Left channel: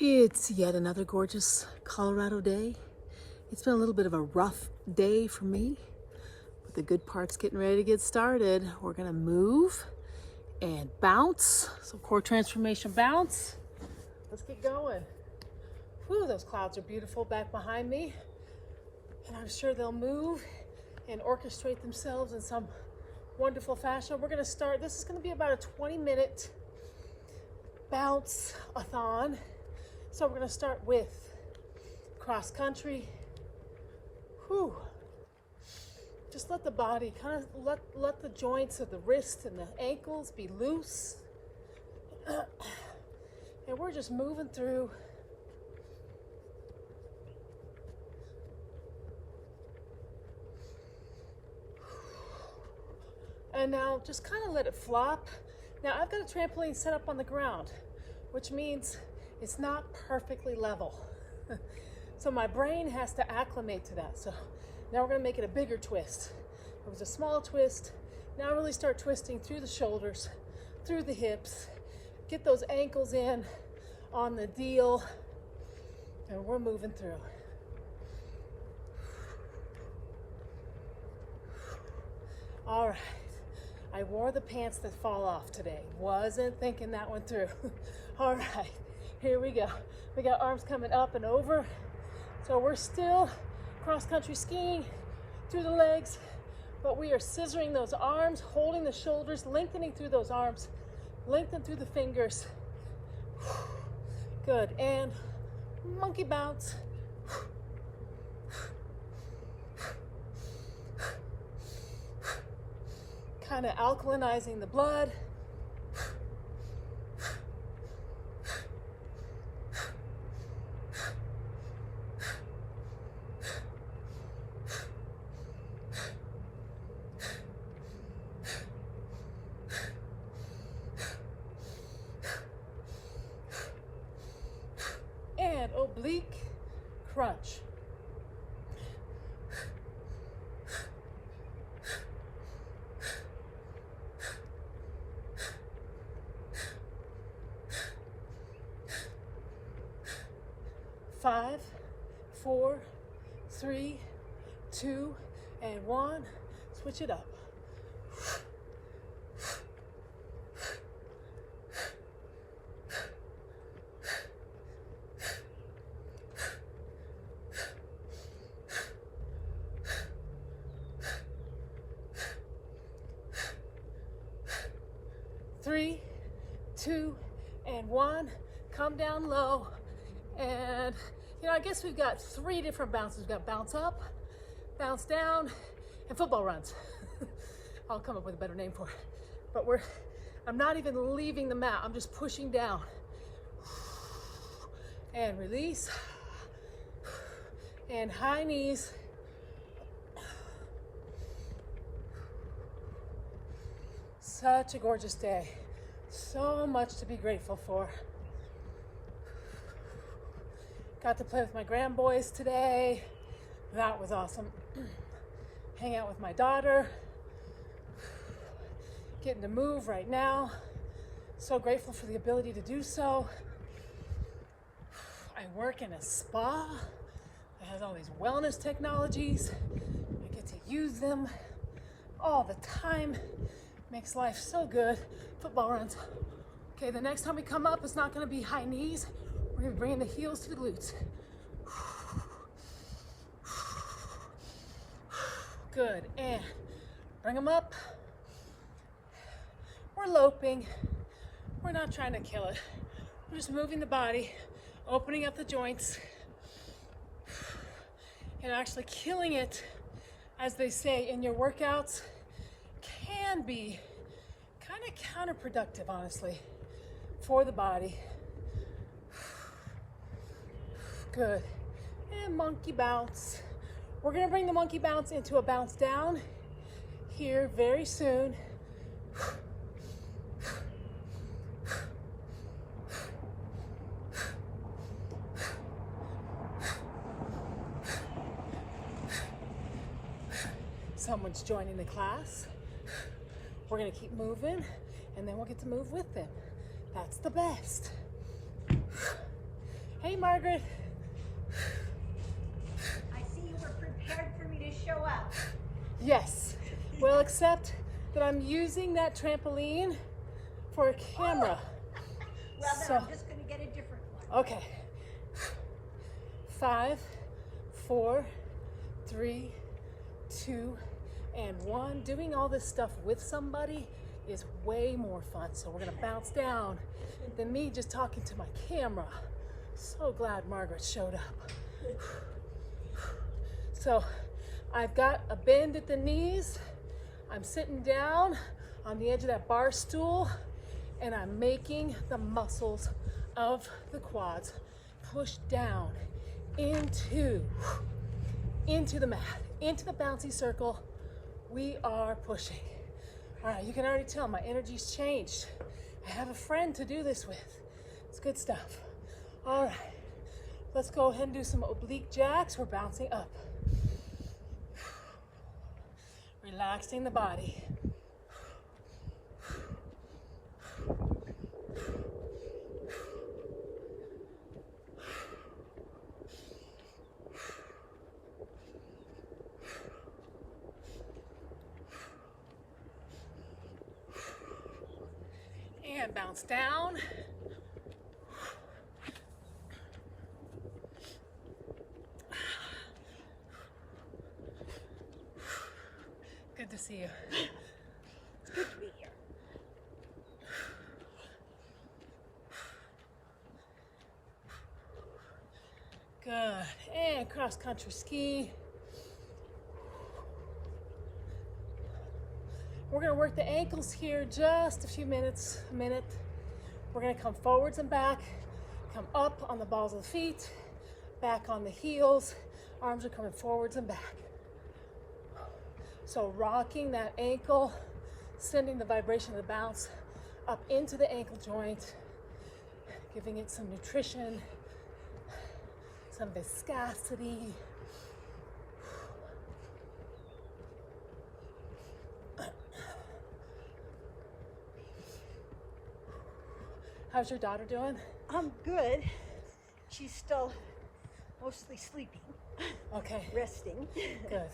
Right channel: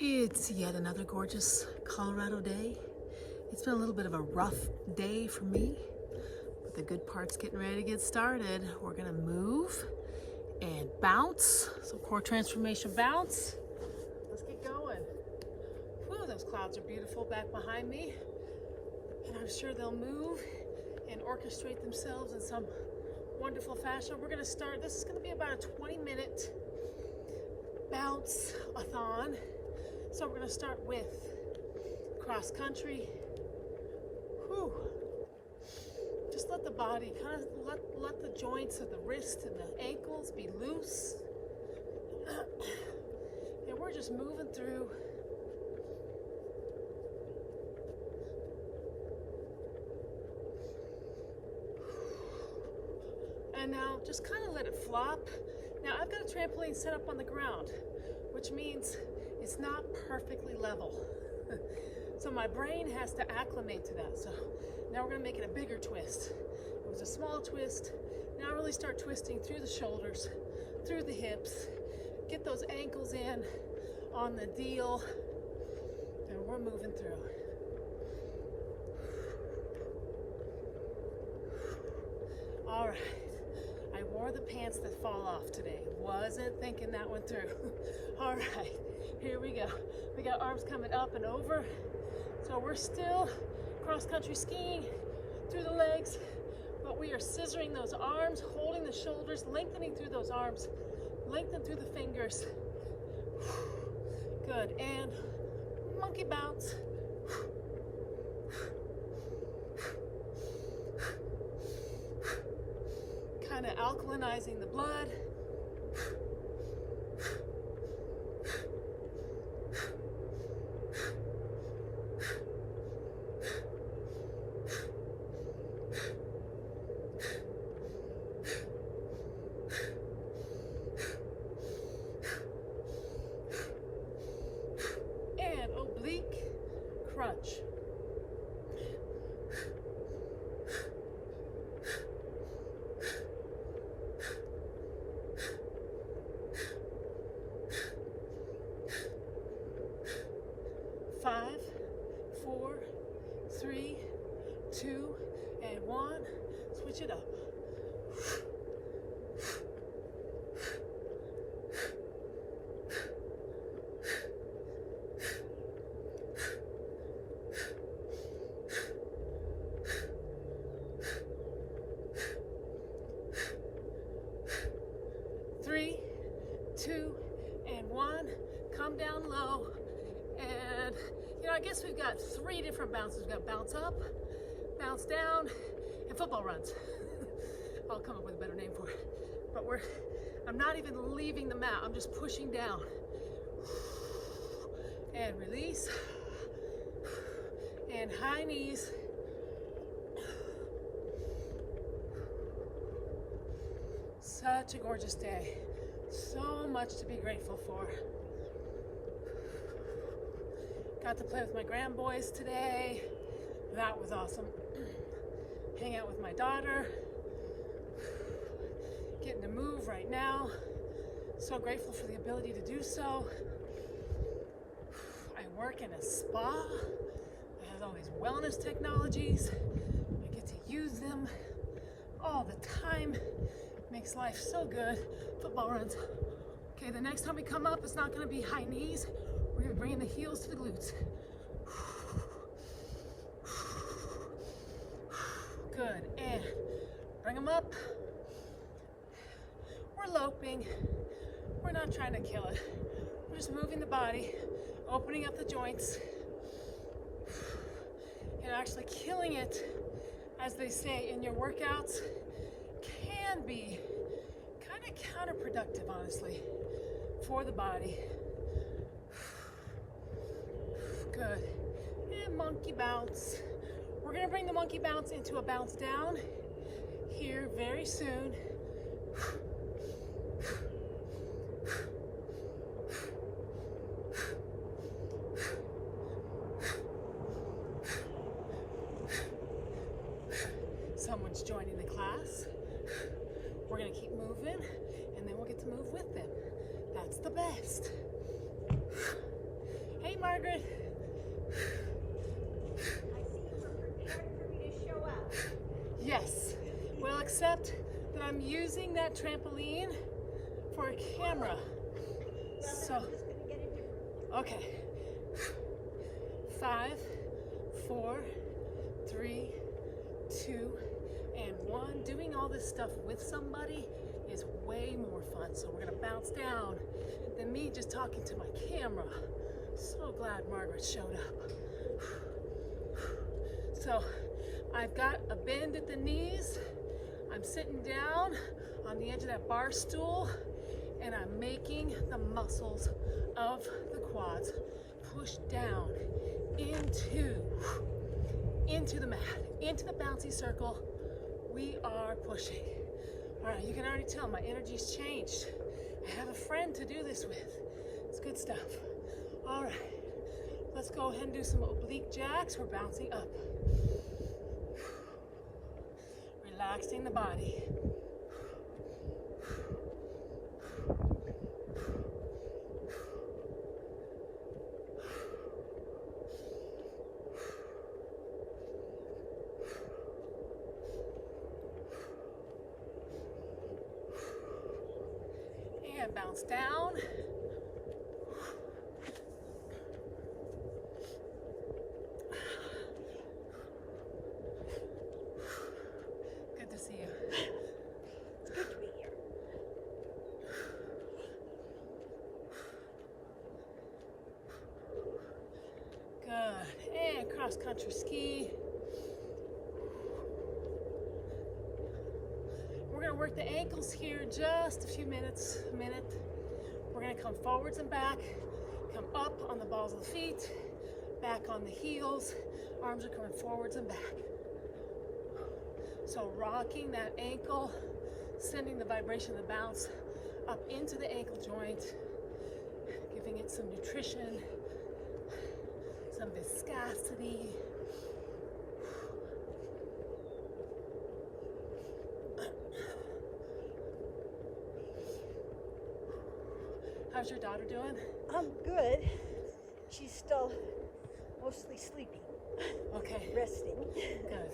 It's yet another gorgeous Colorado day. It's been a little bit of a rough day for me, but the good part's getting ready to get started. We're gonna move and bounce, some core transformation bounce. Let's get going. Whew, those clouds are beautiful back behind me, and I'm sure they'll move and orchestrate themselves in some wonderful fashion. We're gonna start, this is gonna be about a 20-minute bounce-a-thon. So we're gonna start with cross country. Whew. Just let the body kind of let the joints of the wrist and the ankles be loose. And we're just moving through. And now just kind of let it flop. Now I've got a trampoline set up on the ground, which means it's not perfectly level. So my brain has to acclimate to that. So now we're gonna make it a bigger twist. It was a small twist. Now really start twisting through the shoulders, through the hips, get those ankles in on the deal, and we're moving through. All right. I wore the pants that fall off today. Wasn't thinking that one through. All right, here we go. We got arms coming up and over. So we're still cross-country skiing through the legs, but we are scissoring those arms, holding the shoulders, lengthening through those arms, lengthen through the fingers. Good, and monkey bounce. Kind of alkalinizing the blood. And oblique crunch. Five, 4, 3, 2, and 1. Switch it up. Three, 2, and 1. Come down low. And, I guess we've got 3 different bounces. We've got bounce up, bounce down, and football runs. I'll come up with a better name for it. But I'm not even leaving the mat. I'm just pushing down. And release. And high knees. Such a gorgeous day. So much to be grateful for. Got to play with my grandboys today. That was awesome. Hang out with my daughter. Getting to move right now. So grateful for the ability to do so. I work in a spa that has all these wellness technologies. I get to use them all the time. Makes life so good. Football runs. Okay, the next time we come up, it's not gonna be high knees. We're gonna be bringing the heels to the glutes. Good, and bring them up. We're loping. We're not trying to kill it. We're just moving the body, opening up the joints, and actually killing it, as they say in your workouts, can be kind of counterproductive, honestly, for the body. Good. And monkey bounce. We're gonna bring the monkey bounce into a bounce down here very soon. Someone's joining the class. We're gonna keep moving, and then we'll get to move with them. That's the best. Margaret. I see you were prepared for me to show up. Yes. Well, except that I'm using that trampoline for a camera. Well, then I'm just going to get a different one. Okay. 5, 4, 3, 2, and 1. Doing all this stuff with somebody is way more fun. So we're gonna bounce down than me just talking to my camera. So glad Margaret showed up. So I've got a bend at the knees. I'm sitting down on the edge of that bar stool and I'm making the muscles of the quads push down into the mat, into the bouncy circle. We are pushing. All right, you can already tell my energy's changed. I have a friend to do this with. It's good stuff. All right, let's go ahead and do some oblique jacks. We're bouncing up. Relaxing the body. And bounce down. Good to see you. It's good to be here. Good. And cross country ski. We're gonna work the ankles here just a few minutes, a minute. We're gonna come forwards and back, come up on the balls of the feet, back on the heels. Arms are coming forwards and back. So rocking that ankle, sending the vibration of the bounce up into the ankle joint, giving it some nutrition, some viscosity. How's your daughter doing? I'm good. She's still mostly sleeping. Okay. Resting. Good.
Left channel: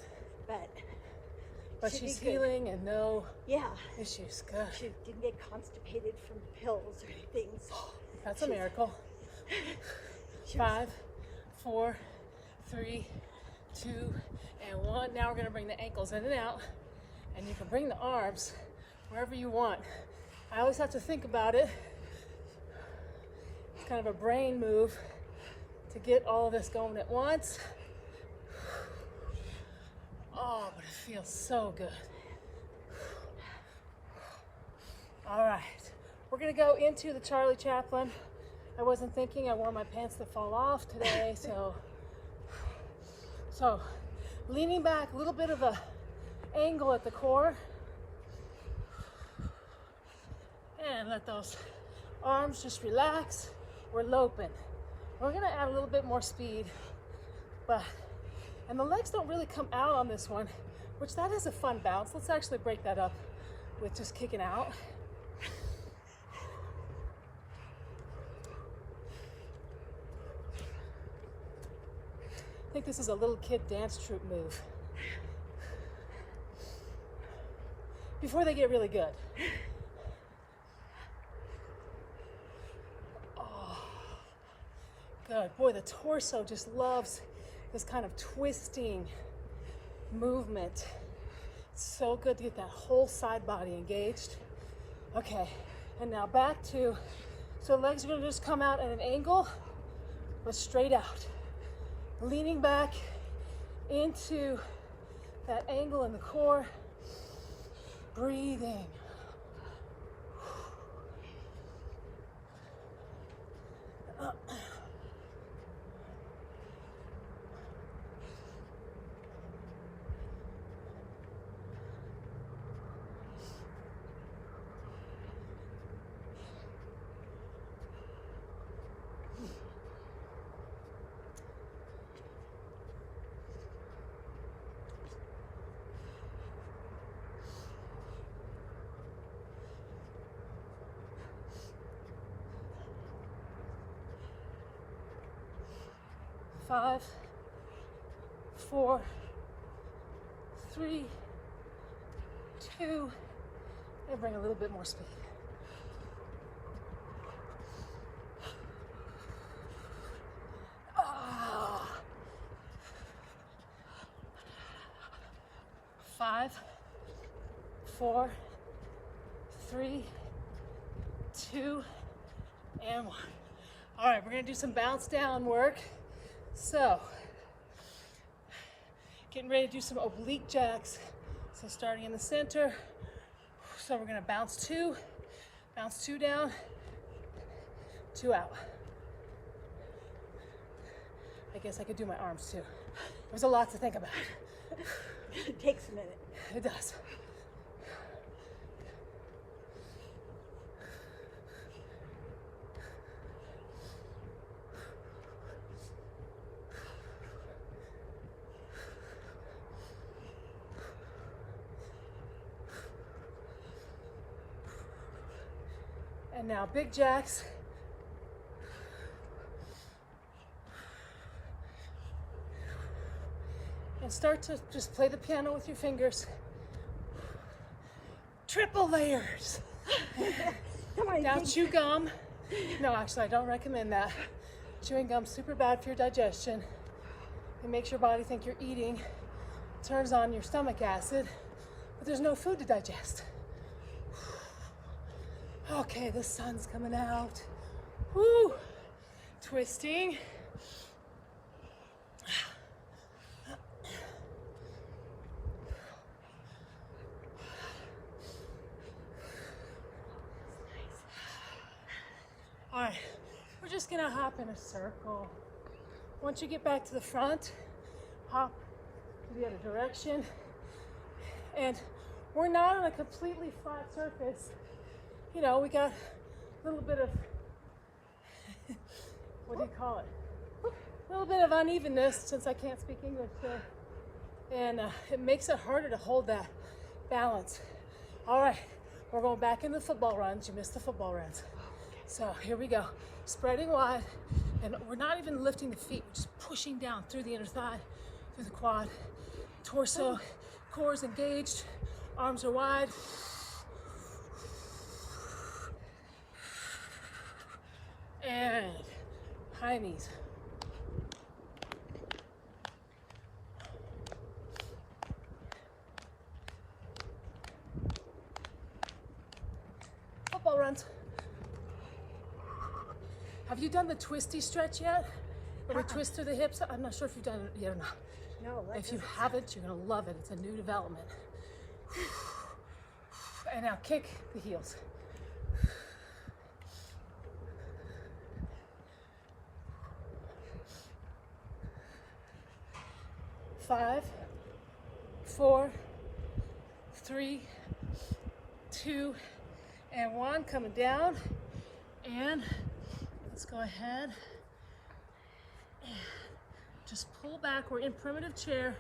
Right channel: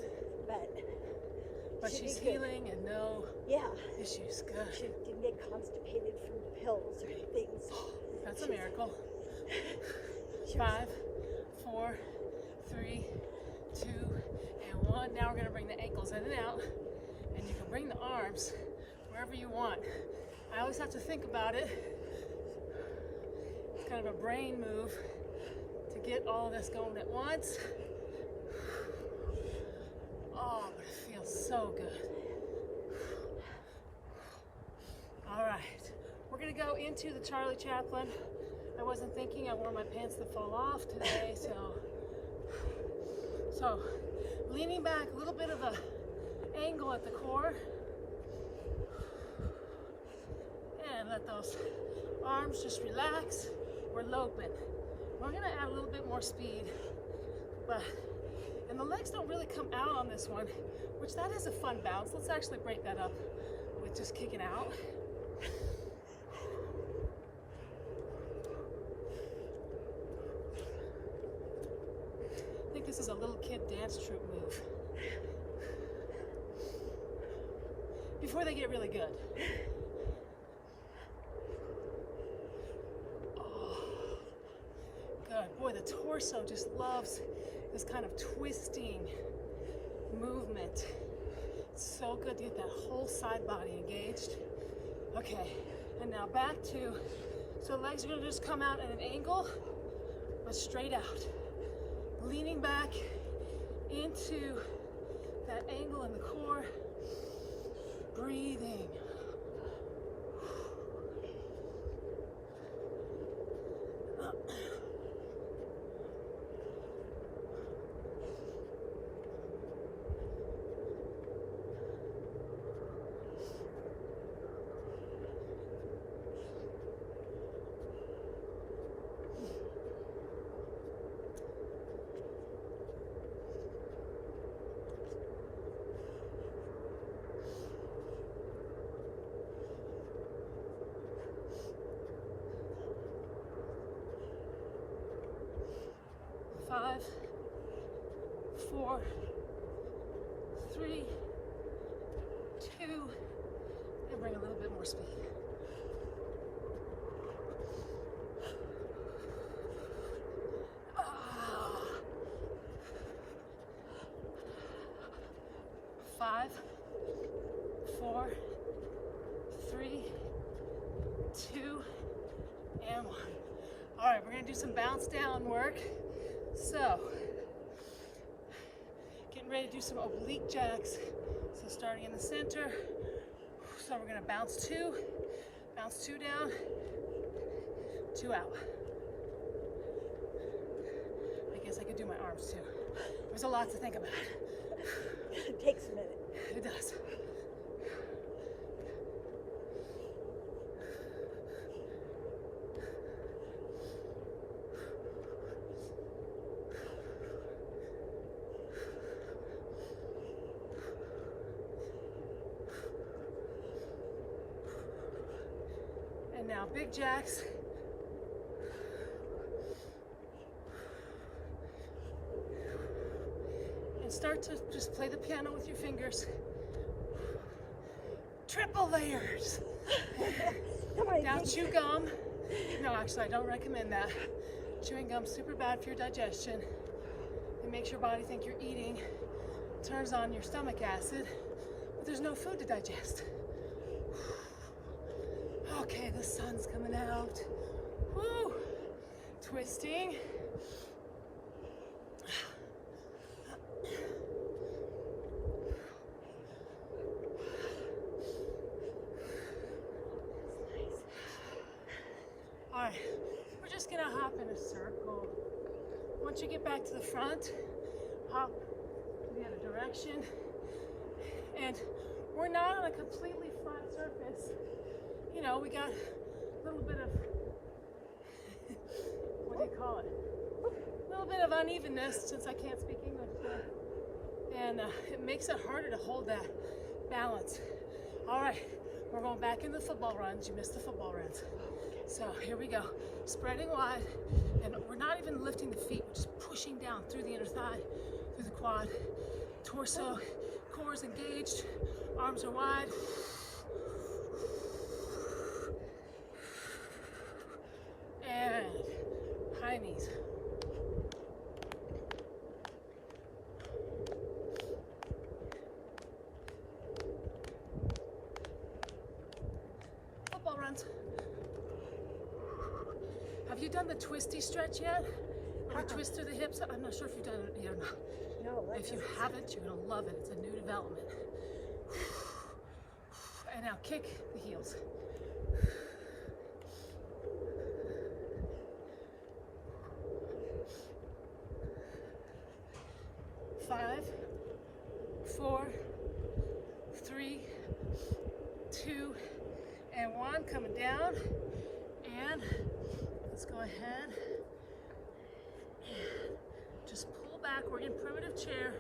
But she's healing and no yeah. issues. Good. She didn't get constipated from pills or things. That's a miracle. 5, 4, 3, 2, and 1. Now we're gonna bring the ankles in and out, and you can bring the arms wherever you want. I always have to think about it. It's kind of a brain move to get all of this going at once. Oh, but it feels so good. All right, we're gonna go into the Charlie Chaplin. I wasn't thinking, I wore my pants to fall off today, so leaning back, a little bit of a angle at the core. And let those arms just relax. We're loping. We're gonna add a little bit more speed, and the legs don't really come out on this one, which that is a fun bounce. Let's actually break that up with just kicking out. I think this is a little kid dance troupe move. Before they get really good. Oh, good. Boy, the torso just loves this kind of twisting movement. It's so good to get that whole side body engaged. Okay, and now back to, so legs are gonna just come out at an angle, but straight out. Leaning back into that angle in the core, breathing. 5, 4, 3, 2, and bring a little bit more speed. Ah. 5, 4, 3, 2, and 1. All right, we're gonna do some bounce down work. So, getting ready to do some oblique jacks. So starting in the center. So we're gonna bounce two down, 2 out. I guess I could do my arms too. There's a lot to think about. It takes a minute. It does. And now big jacks. And start to just play the piano with your fingers. Triple layers. Now chew gum. No, actually, I don't recommend that. Chewing gum's super bad for your digestion. It makes your body think you're eating, turns on your stomach acid, but there's no food to digest. Okay, the sun's coming out. Woo! Twisting. All right, we're just gonna hop in a circle. Once you get back to the front, hop to the other direction. And we're not on a completely flat surface. You know, we got a little bit of, what do you call it? A little bit of unevenness since I can't speak English today. And it makes it harder to hold that balance. All right, we're going back into the football runs. You missed the football runs. So here we go. Spreading wide, and we're not even lifting the feet. We're just pushing down through the inner thigh, through the quad. Torso, core is engaged, arms are wide. And high knees. Football runs. Have you done the twisty stretch yet? Where we twist through the hips? I'm not sure if you've done it yet or not. No. If you haven't, you're gonna love it. It's a new development. And now kick the heels. 5, 4, 3, 2, and 1. Coming down. And let's go ahead and just pull back. We're in primitive chair,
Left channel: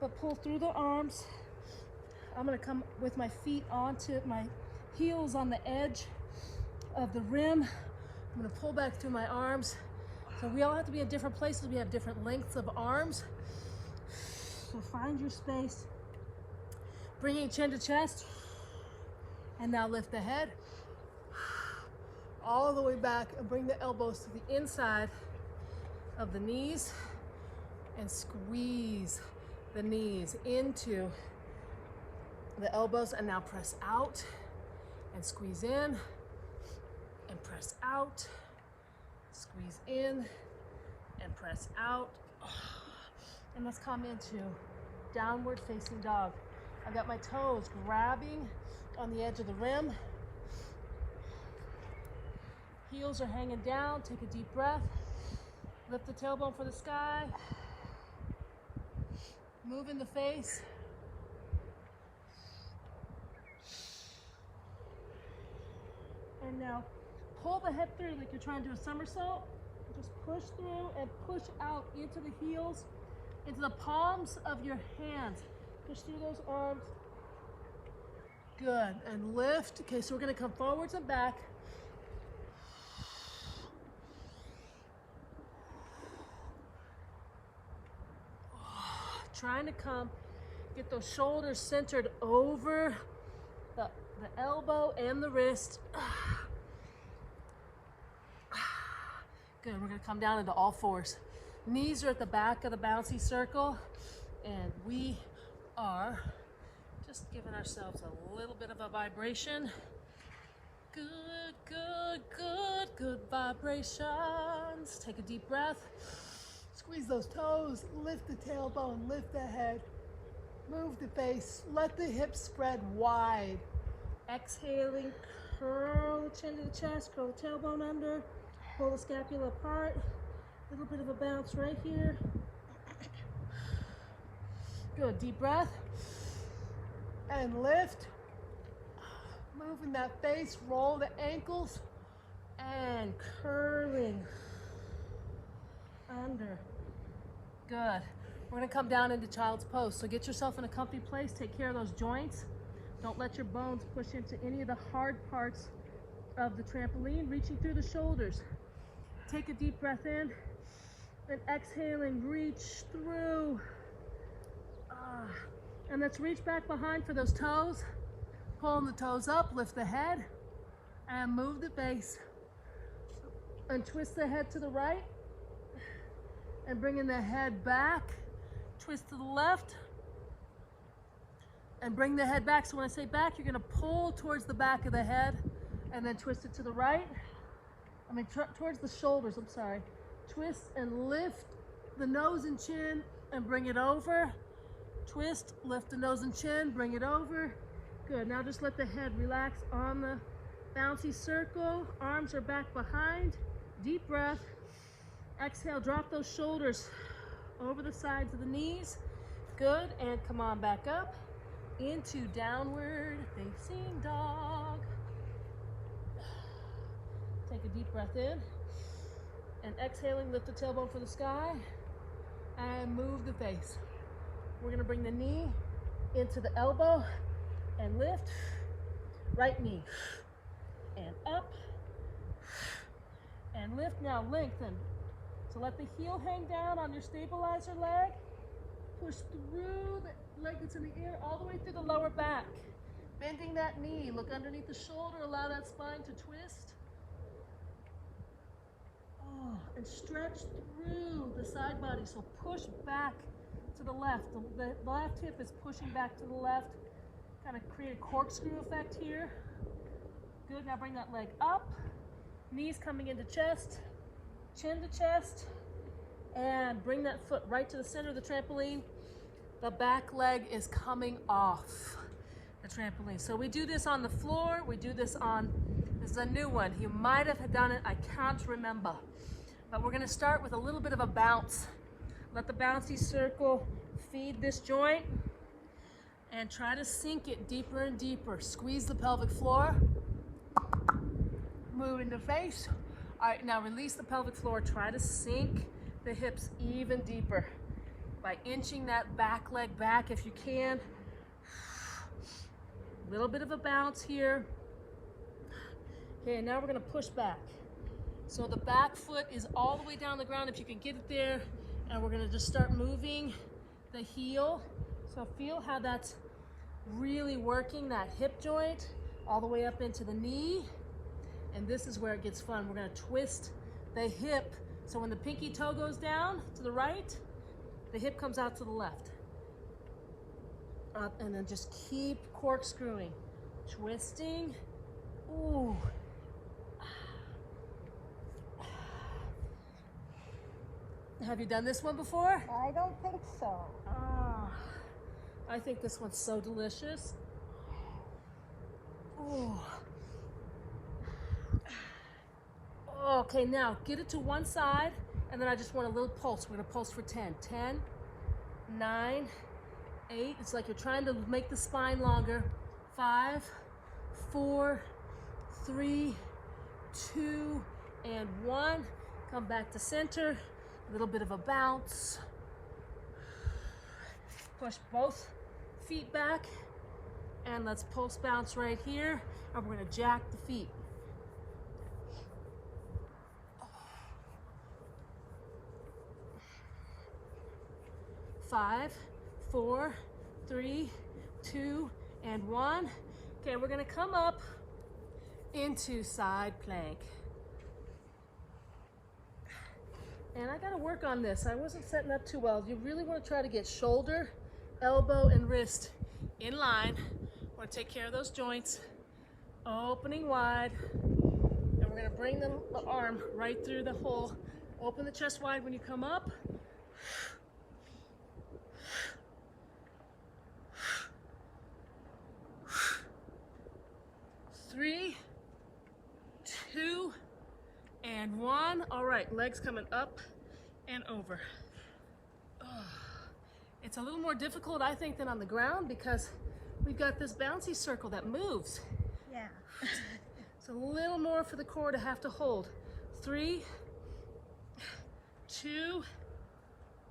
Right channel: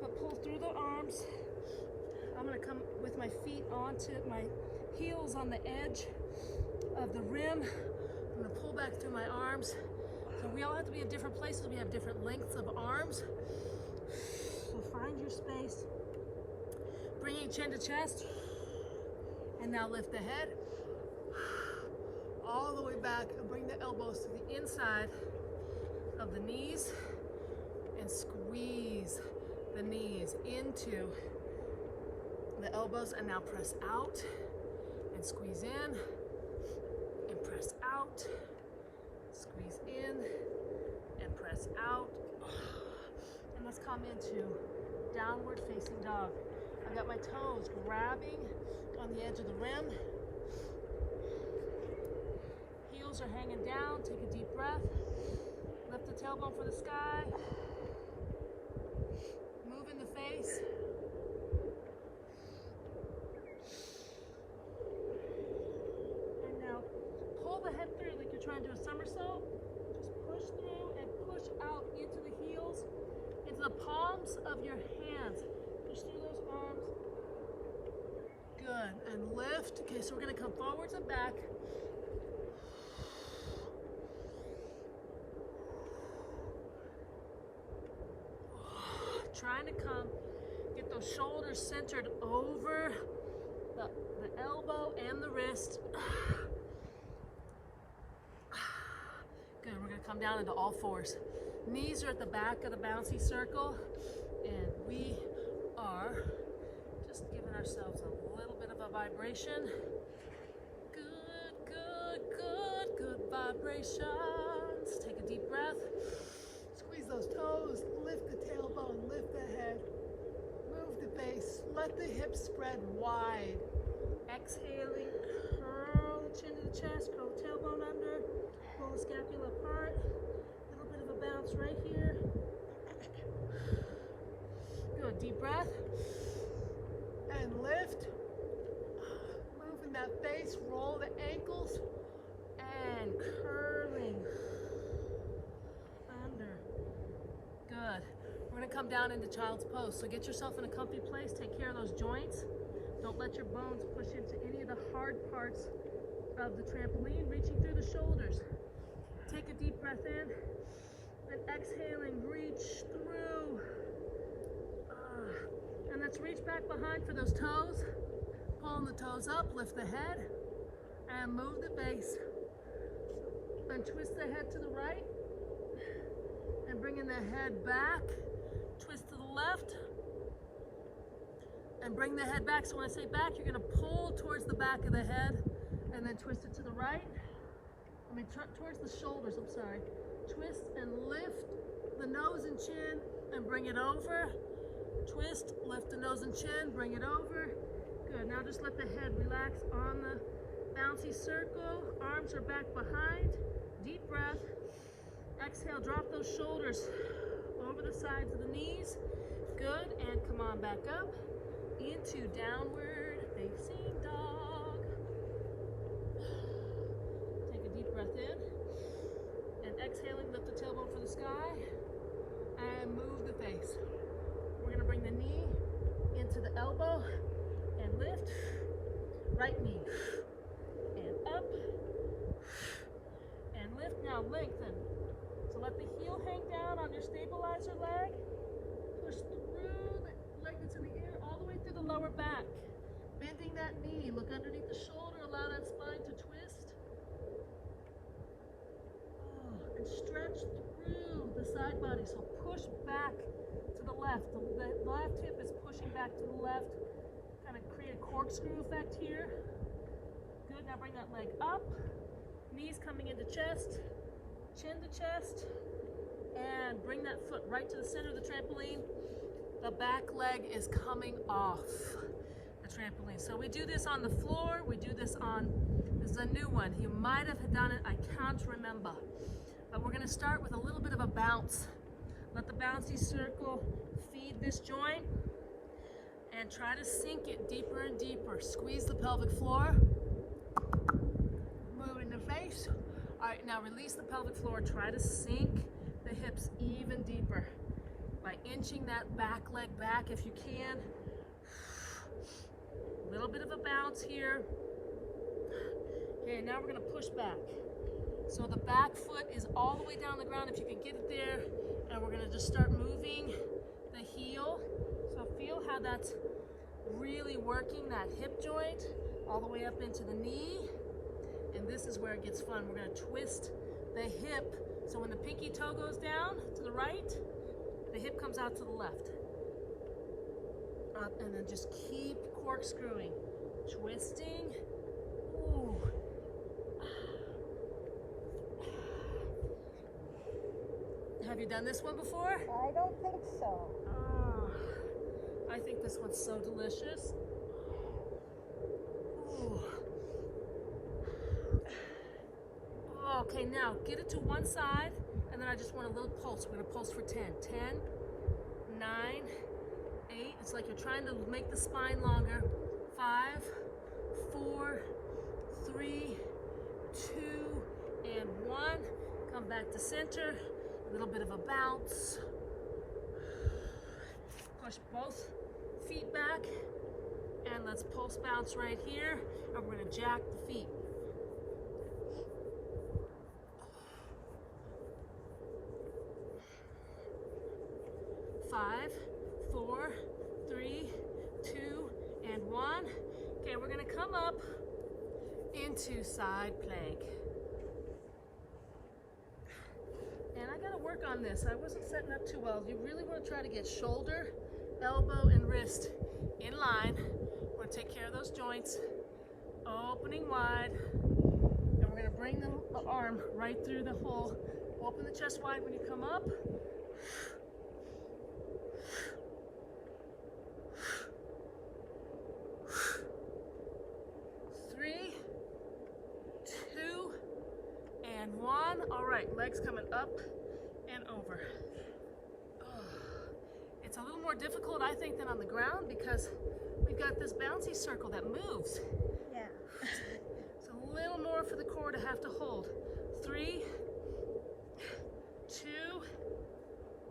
but pull through the arms. I'm gonna come with my feet onto my heels on the edge of the rim. I'm gonna pull back through my arms. So we all have to be in different places. We have different lengths of arms. So find your space. Bringing chin to chest. And now lift the head all the way back and bring the elbows to the inside of the knees and squeeze the knees into the elbows, and now press out and squeeze in and press out, squeeze in and press out. And let's come into downward facing dog. I've got my toes grabbing on the edge of the rim. Heels are hanging down. Take a deep breath. Lift the tailbone for the sky. Move in the face. And now pull the head through like you're trying to do a somersault. Just push through and push out into the heels, into the palms of your hands. Push through those arms. Good. And lift. Okay, so we're going to come forwards and back. trying to get those shoulders centered over the elbow and the wrist. Good, we're gonna come down into all fours. Knees are at the back of the bouncy circle, and we are just giving ourselves a little bit of a vibration. Good, good, good, good vibrations. Take a deep breath. Squeeze those toes, lift the tailbone, lift the head. Move the face, let the hips spread wide. Exhaling, curl the chin to the chest, curl the tailbone under, pull the scapula apart. A little bit of a bounce right here. Good, deep breath. And lift. Moving that face, roll the ankles, and curling under. Good. We're gonna come down into child's pose. So get yourself in a comfy place, take care of those joints. Don't let your bones push into any of the hard parts of the trampoline, reaching through the shoulders. Take a deep breath in, and exhaling, reach through. And let's reach back behind for those toes. Pulling the toes up, lift the head, and move the base. And twist the head to the right, and bringing the head back. Twist to the left, and bring the head back. So when I say back, you're gonna pull towards the back of the head, and then twist it to the right. Towards the shoulders, I'm sorry. Twist and lift the nose and chin, and bring it over. Twist, lift the nose and chin, bring it over. Good, now just let the head relax on the bouncy circle. Arms are back behind. Deep breath. Exhale, drop those shoulders over the sides of the knees. Good, and come on back up into downward facing dog. Take a deep breath in, and exhaling, lift the tailbone for the sky, and move the face. We're gonna bring the knee into the elbow, and lift, right knee, and up, and lift. Now lengthen. So let the heel hang down on your stabilizer leg. Push through the leg that's in the air all the way through the lower back. Bending that knee, look underneath the shoulder, allow that spine to twist. And stretch through the side body. So push back to the left. The left hip is pushing back to the left. Kind of create a corkscrew effect here. Good, now bring that leg up. Knees coming into chest. Chin to chest, and bring that foot right to the center of the trampoline. The back leg is coming off the trampoline. So we do this on the floor. We do this this is a new one. You might have done it, I can't remember. But we're gonna start with a little bit of a bounce. Let the bouncy circle feed this joint, and try to sink it deeper and deeper. Squeeze the pelvic floor. Moving the face. All right, now release the pelvic floor. Try to sink the hips even deeper by inching that back leg back if you can. A little bit of a bounce here. Okay, now we're gonna push back. So the back foot is all the way down the ground if you can get it there, and we're gonna just start moving the heel. So feel how that's really working that hip joint all the way up into the knee. And this is where it gets fun. We're gonna twist the hip. So when the pinky toe goes down to the right, the hip comes out to the left. Up, and then just keep corkscrewing, twisting. Ooh. Have you done this one before? I don't think so. I think this one's so delicious. Ooh. Okay, now get it to one side, and then I just want a little pulse. We're gonna pulse for 10. 10, 9, 8. It's like you're trying to make the spine longer. 5, 4, 3, 2, and 1. Come back to center. A little bit of a bounce. Push both feet back, and let's pulse bounce right here, and we're gonna jack the feet. 5, 4, 3, 2, and 1. Okay, we're gonna come up into side plank. And I gotta work on this. I wasn't setting up too well. You really wanna try to get shoulder, elbow, and wrist in line. We're gonna take care of those joints. Opening wide. And we're gonna bring the arm right through the hole. Open the chest wide when you come up. 3, 2, and 1. All right, legs coming up and over. It's a little more difficult, I think, than on the ground because we've got this bouncy circle that moves. Yeah. It's a little more for the core to have to hold. 3, 2,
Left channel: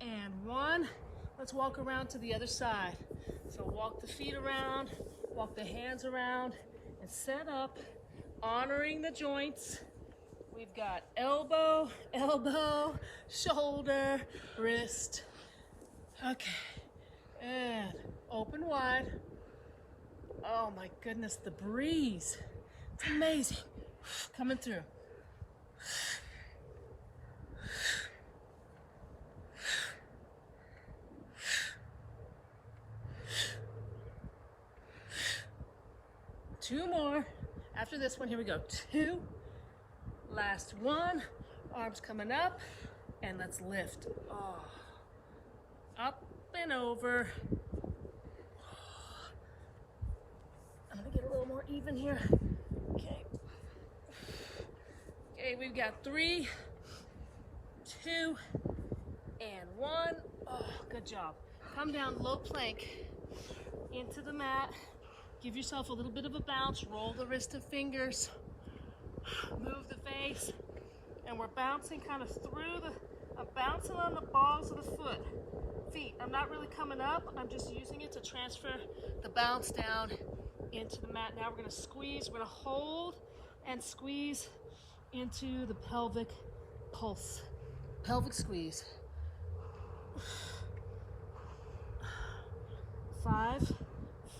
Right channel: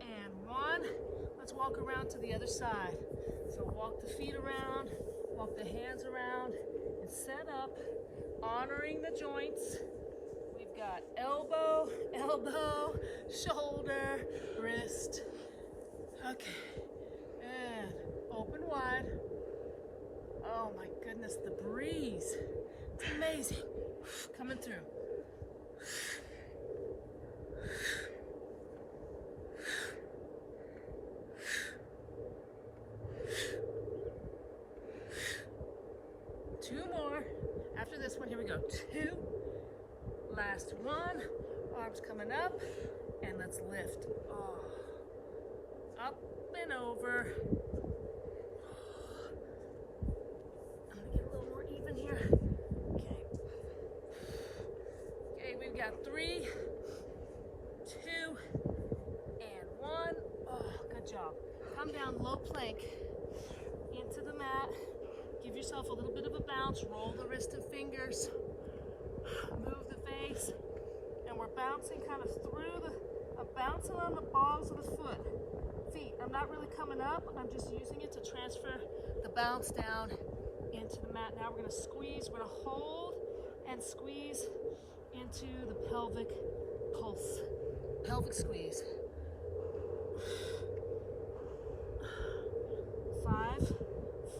and 1. Let's walk around to the other side. So walk the feet around, walk the hands around, and set up, honoring the joints. We've got elbow, elbow, shoulder, wrist. Okay, and open wide. Oh my goodness, the breeze. It's amazing. Coming through. Two more. After this one, here we go. 2. Last one. Arms coming up. And let's lift. Oh. Up and over. I'm gonna get a little more even here. Okay. Okay, we've got 3, 2, and 1. Oh, good job. Come down low plank into the mat. Give yourself a little bit of a bounce. Roll the wrist and fingers. Move the face. And we're bouncing kind of through I'm bouncing on the balls of the feet. I'm not really coming up. I'm just using it to transfer the bounce down into the mat. Now we're going to squeeze. We're going to hold and squeeze into the pelvic pulse. Pelvic squeeze. 5,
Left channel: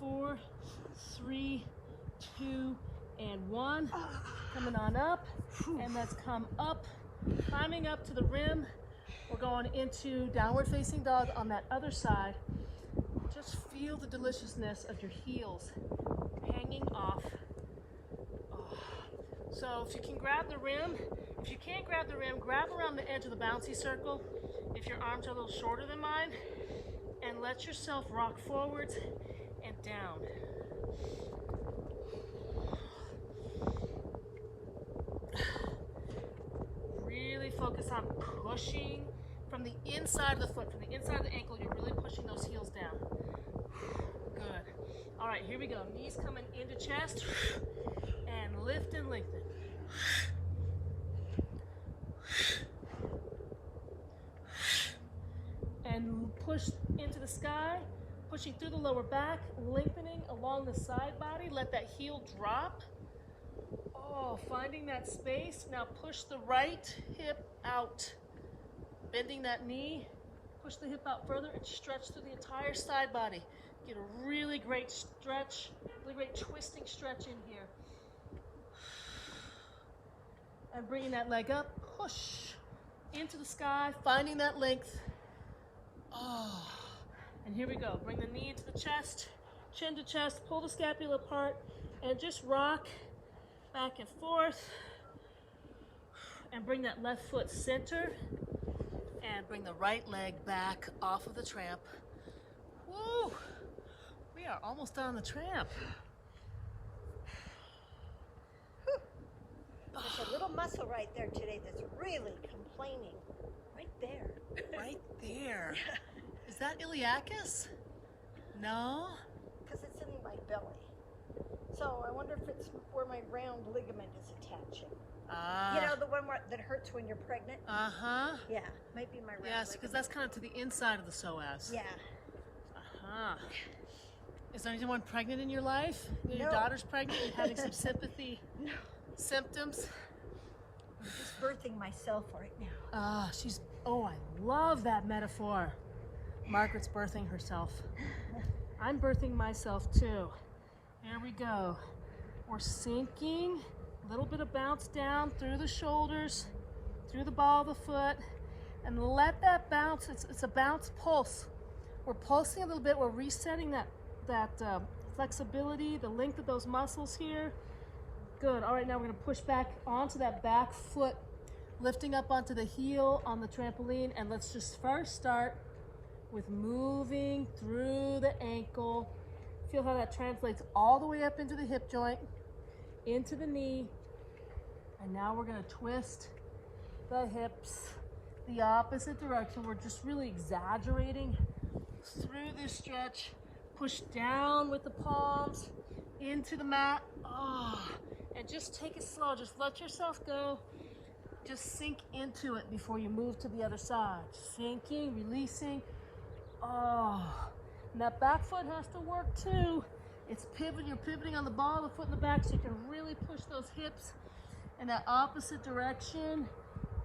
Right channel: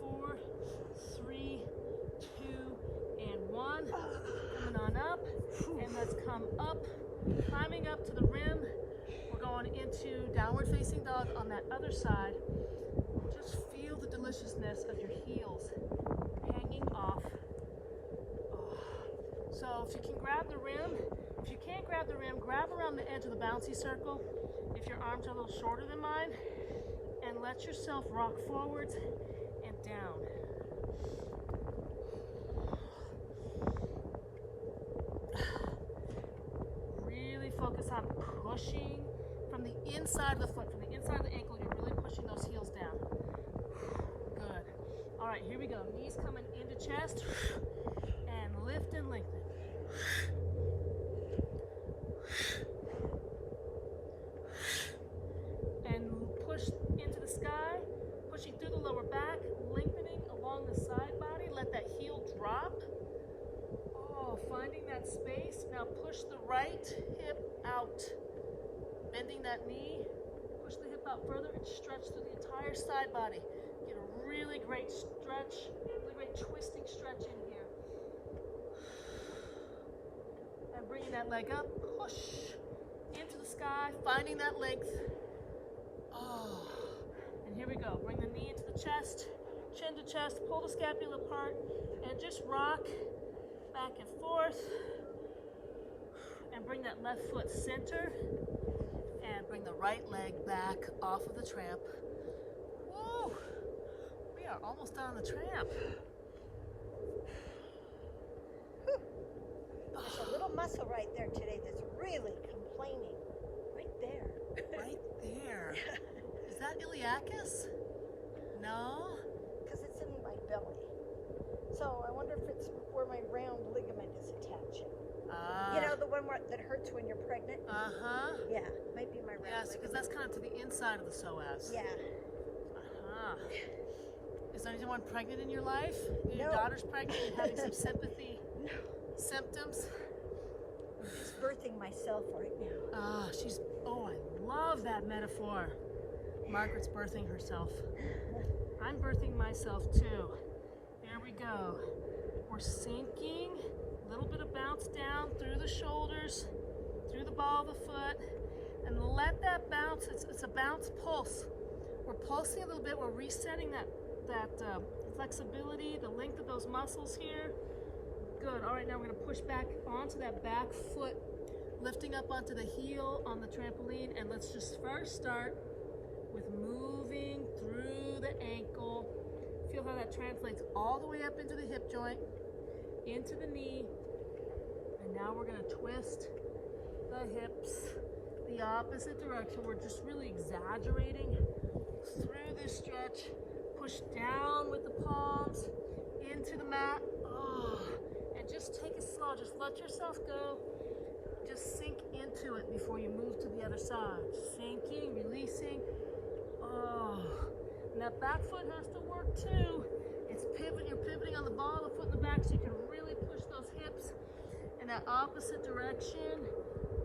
4, 3, 2, and 1. Coming on up. And let's come up, climbing up to the rim. We're going into downward facing dog on that other side. Just feel the deliciousness of your heels hanging off. Oh. So if you can grab the rim, if you can't grab the rim, grab around the edge of the bouncy circle if your arms are a little shorter than mine, and let yourself rock forwards and down. Really focus on pushing from the inside of the foot, from the inside of the ankle. You're really pushing those heels down. Good. All right, here we go. Knees coming into chest and lift and lengthen. And push into the sky, pushing through the lower back, lengthening along the side body. Let that heel drop. Oh, finding that space. Now push the right hip out. Bending that knee. Push the hip out further and stretch through the entire side body. Get a really great stretch, really great twisting stretch in here. And bringing that leg up, push into the sky, finding that length. Oh, and here we go. Bring the knee into the chest, chin to chest, pull the scapula apart, and just rock back and forth. And bring that left foot center, and bring the right leg back off of the tramp. Woo! We are almost done on the tramp. A little muscle right there today that's really complaining. Right there. Right there. Is that iliacus? No? Because it's in my belly. So I wonder if it's where my round ligament is attaching. Ah. You know, the one that hurts when you're pregnant? Uh-huh. Yeah, might be my round Yes, because that's kind of to the inside of the psoas. Yeah. Uh-huh. Is there anyone pregnant in your life? Your No. daughter's pregnant and having some sympathy symptoms? I'm just birthing myself right now. Oh, I love that metaphor. Margaret's birthing herself. I'm birthing myself too. Here we go. We're sinking, a little bit of bounce down through the shoulders, through the ball of the foot, and let that bounce. It's a bounce pulse. We're pulsing a little bit. We're resetting that flexibility, the length of those muscles here. Good. All right, now we're going to push back onto that back foot, lifting up onto the heel on the trampoline, and let's just first start with moving through the ankle. Feel how that translates all the way up into the hip joint, into the knee, and now we're going to twist the hips the opposite direction. We're just really exaggerating through this stretch. Push down with the palms into the mat. And just take it slow. Just let yourself go. Just sink into it before you move to the other side. Sinking, releasing. And that back foot has to work too. It's pivoting. You're pivoting on the ball of the foot in the back so you can really push those hips in that opposite direction.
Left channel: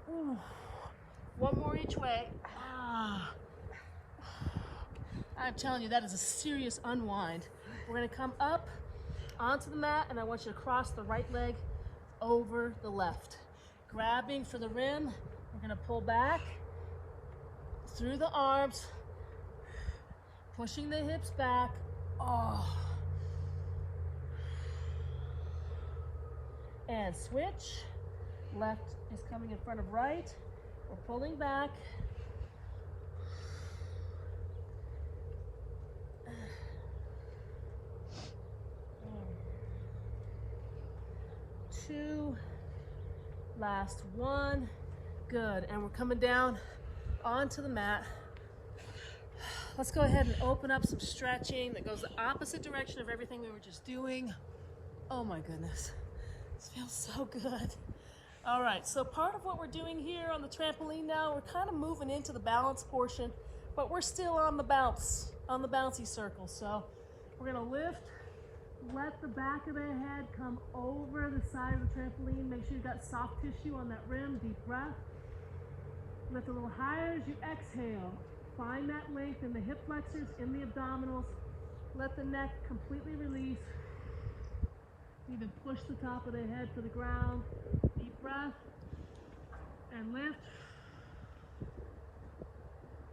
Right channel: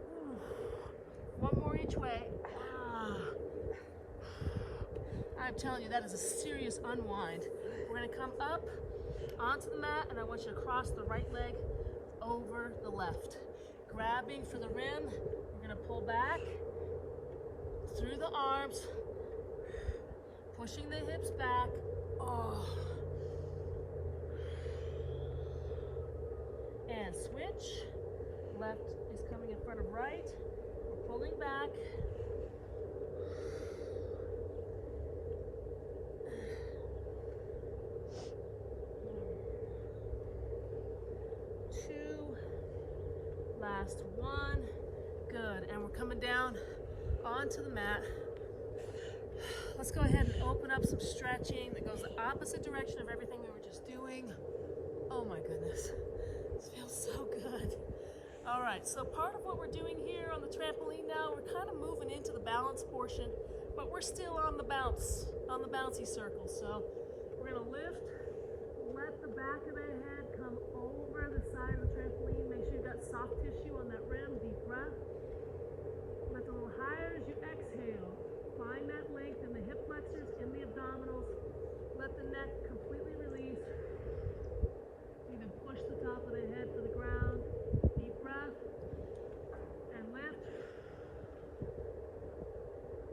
Ooh. One more each way. I'm telling you, that is a serious unwind. We're going to come up onto the mat, and I want you to cross the right leg over the left. Grabbing for the rim, we're going to pull back through the arms, pushing the hips back. And switch. Left is coming in front of right. We're pulling back. Two, last one. Good. And we're coming down onto the mat. Let's go ahead and open up some stretching that goes the opposite direction of everything we were just doing. Oh my goodness, this feels so good. All right, so part of what we're doing here on the trampoline now, we're kind of moving into the balance portion, but we're still on the bounce, on the bouncy circle. So we're gonna lift, let the back of the head come over the side of the trampoline. Make sure you've got soft tissue on that rim. Deep breath. Lift a little higher as you exhale. Find that length in the hip flexors, in the abdominals. Let the neck completely release. Even push the top of the head to the ground. Deep breath. And lift.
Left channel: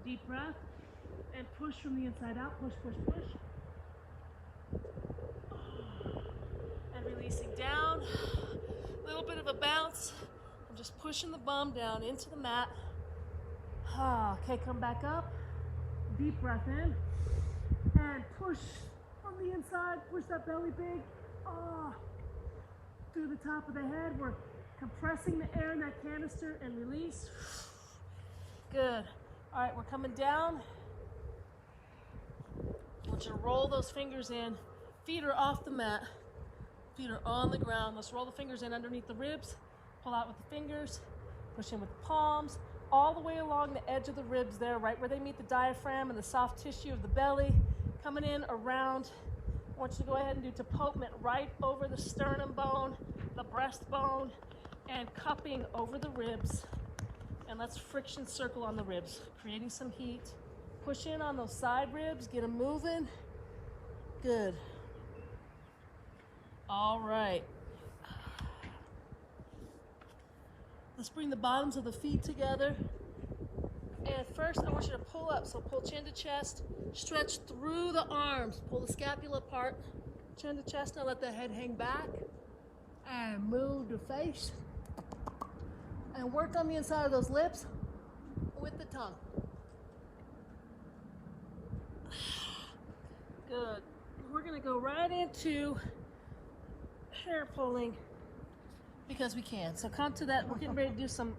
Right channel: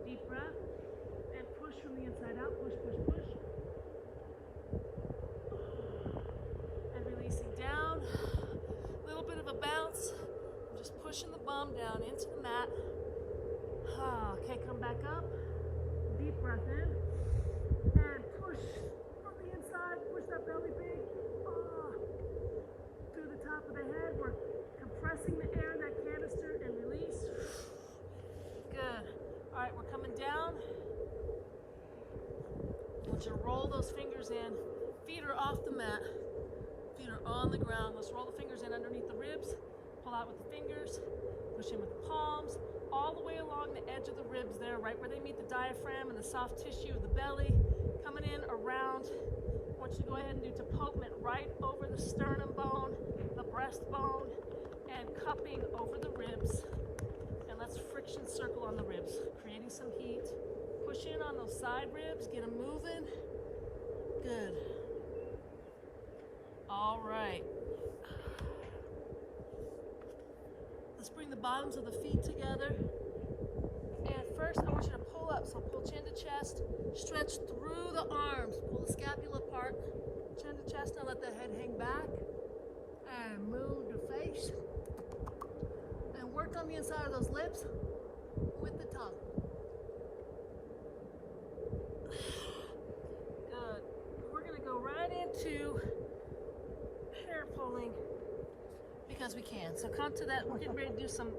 Deep breath. And push from the inside out. Push, push, push. And releasing down. A little bit of a bounce. I'm just pushing the bum down into the mat. Okay, come back up. Deep breath in. And push from the inside. Push that belly big. Through the top of the head. We're compressing the air in that canister and release. Good. All right, we're coming down. I want you to roll those fingers in. Feet are off the mat. Feet are on the ground. Let's roll the fingers in underneath the ribs. Pull out with the fingers. Push in with the palms. All the way along the edge of the ribs there, right where they meet the diaphragm and the soft tissue of the belly. Coming in around. I want you to go ahead and do tapotment right over the sternum bone, the breastbone, and cupping over the ribs. And let's friction circle on the ribs, creating some heat. Push in on those side ribs, get them moving. Good. All right. Let's bring the bottoms of the feet together. And first, I want you to pull up. So pull chin to chest, stretch through the arms, pull the scapula apart, chin to chest. Now let the head hang back and move the face. And work on the inside of those lips with the tongue. Good. We're gonna go right into hair pulling because we can. So come to that. We're getting ready to do some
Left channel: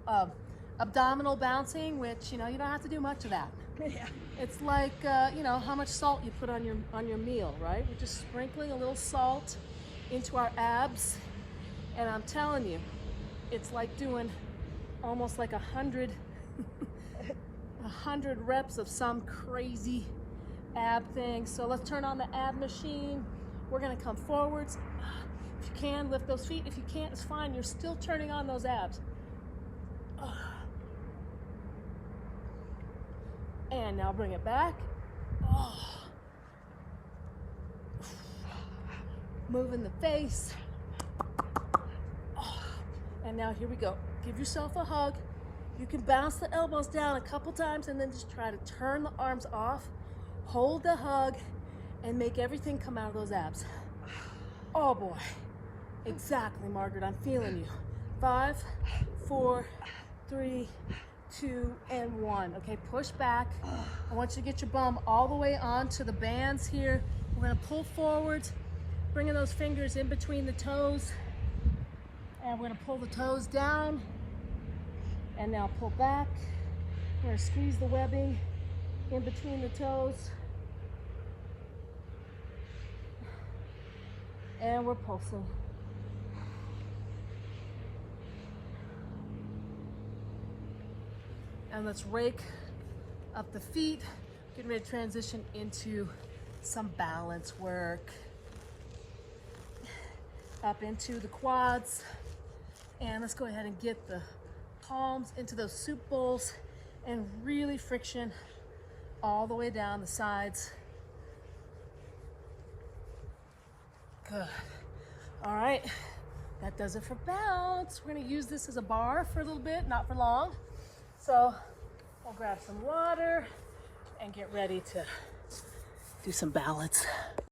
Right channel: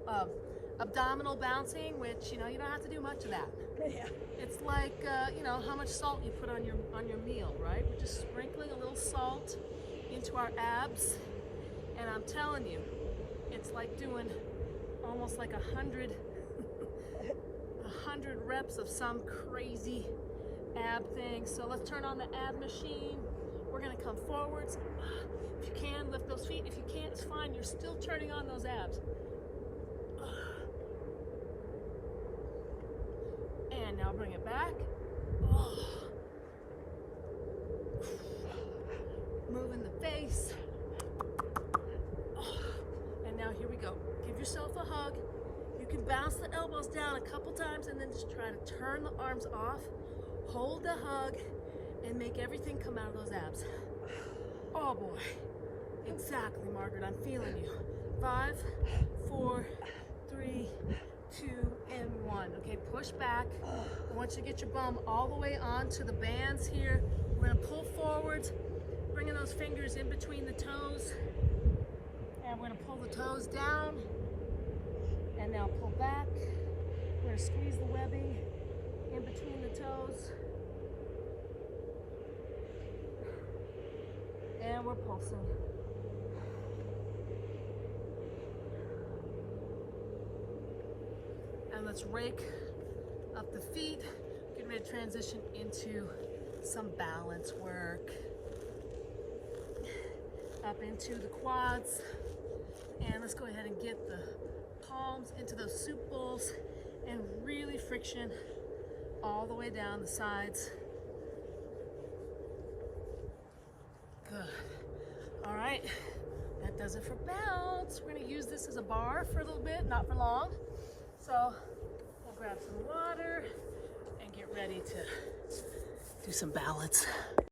abdominal bouncing, which, you know, you don't have to do much of that. It's like, you know, how much salt you put on your meal, right? We're just sprinkling a little salt into our abs, and I'm telling you, it's like doing almost like 100 reps of some crazy ab thing. So let's turn on the ab machine. We're gonna come forwards. If you can, lift those feet. If you can't, it's fine. You're still turning on those abs. And now bring it back. Oh. Moving the face. Oh. And now here we go. Give yourself a hug. You can bounce the elbows down a couple times and then just try to turn the arms off. Hold the hug and make everything come out of those abs. Oh boy. Exactly, Margaret. I'm feeling you. 5, 4, 3, 2, and 1. Okay, push back. I want you to get your bum all the way onto the bands here. We're gonna pull forwards, bringing those fingers in between the toes. And we're gonna pull the toes down. And now pull back. We're gonna squeeze the webbing in between the toes. And we're pulsing. And let's rake up the feet. Getting ready to transition into some balance work. Up into the quads. And let's go ahead and get the palms into those soup bowls and really friction all the way down the sides. Good. All right, that does it for bounce. We're gonna use this as a bar for a little bit, not for long. So we'll grab some water and get ready to do some balance.